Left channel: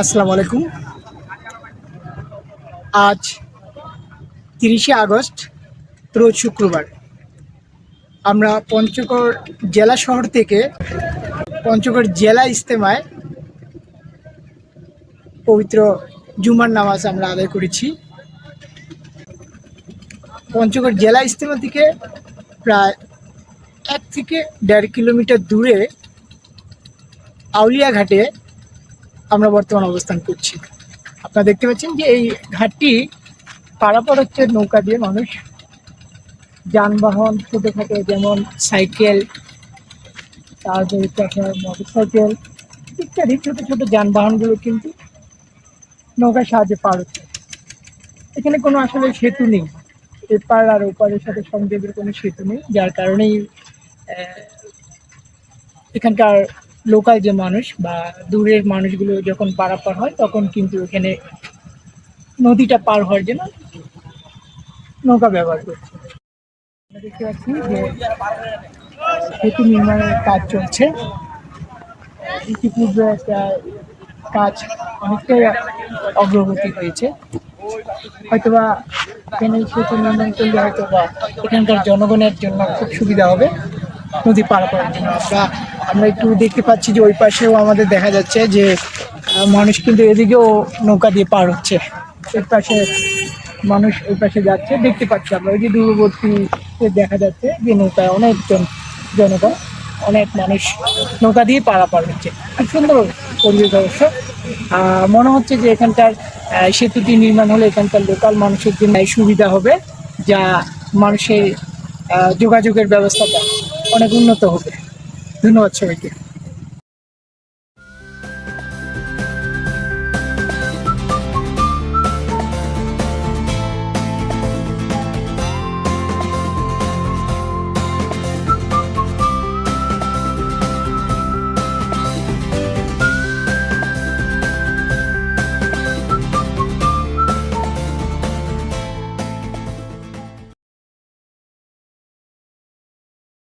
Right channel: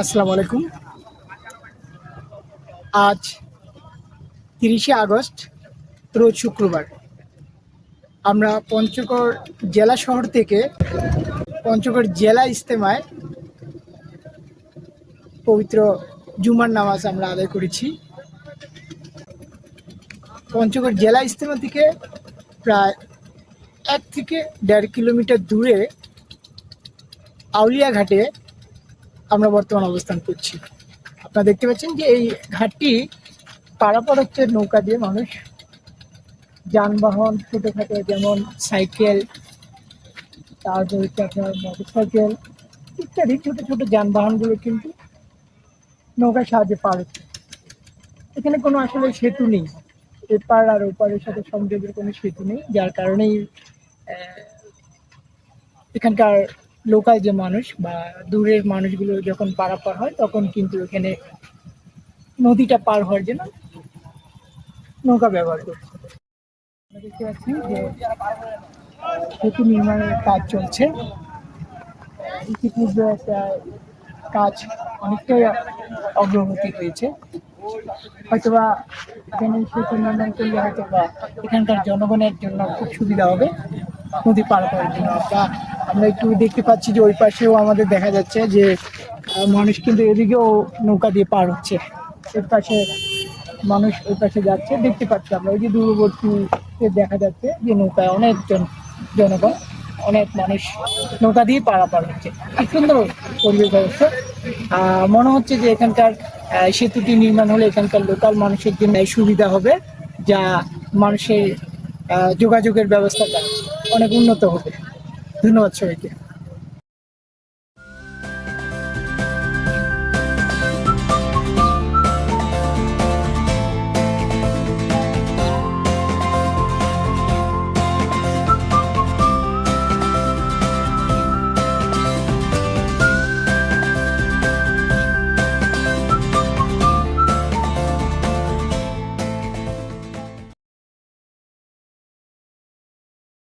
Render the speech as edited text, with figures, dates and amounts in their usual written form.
আসসালামু আলাইকুম। আজ 30শে আগস্ট, রোজ শুক্রবার। আমরা পঞ্চগড় জেলা শহর থেকে পঞ্চগড় জেলা ইজতেমায় পবিত্র জুমার নামাজ আমরা আদায় করেছি। পঞ্চগড় জেলা ইজতেমা থেকে প্রায় 1 থেকে 1.5 কিলোমিটার দূরে আউলিয়া ঘাটে আমরা বর্তমান অবস্থান করছি। আপনারা দেখতে পাচ্ছেন যে এই ঘাটটি পারাপার হচ্ছে নৌকা দিয়ে। মানুষ, যানবাহন ছোটোখাটো যেমন সাইকেল, তারপরে আপনার মোটর সাইকেল ইত্যাদি ছোটো ছোটো যানবাহনগুলো কিন্তু নৌকার সাহায্যে পার হচ্ছে। এখানে কোনো আসলে সেতু নেই, এপার আর ওপারের সাথে সংযোগের কোনো সেতু নেই, যার কারণেই এখানকার লোকাল যে মানুষ বা দূরের মানুষগুলো যখন পারাপার হয় তখন কিন্তু এখানে নদীটা পার হওয়ার জন্য নৌকা ব্যবহার করছে। দেখতে পাচ্ছি যে সেতু নির্মাণের কাজ চলছে। ইতিপূর্বে একটা কাজ অনেকটাই অগ্রগতি হয়েছে। হয়তোবা এখানে সেতু নির্মাণ করলে হয়তোবা এখানকার জনগণের জন্য খুব সুবিধা হবে নদী পারাপারের জন্য। আমরা একটু দেখতে পাচ্ছি যে ওই পাশেও আমাদের দেখা যাচ্ছে যে মানুষ কিন্তু এদিকেও নৌকা দিয়ে পার হচ্ছে। ওই পাশে মানুষ ওই পাশে যাচ্ছে, দেখতে পাচ্ছি আমরা। ওই যে দূরবর্তী দেখা যাচ্ছে যে নৌকায় অনেকজন জনগণ, অনেক মানুষ নৌকা দিয়ে পারাপার হচ্ছে। খুব সুন্দর পরিবেশ অবশ্য। মনে হচ্ছে যে এখানকার সেতুটি নির্মাণ হলে এখানকার লোকাল মানুষের জন্য সুবিধা হবে, যা মানুষের যোগাযোগের ব্যবস্থাটা অনেক উন্নত হবে। ধন্যবাদ সবাইকে।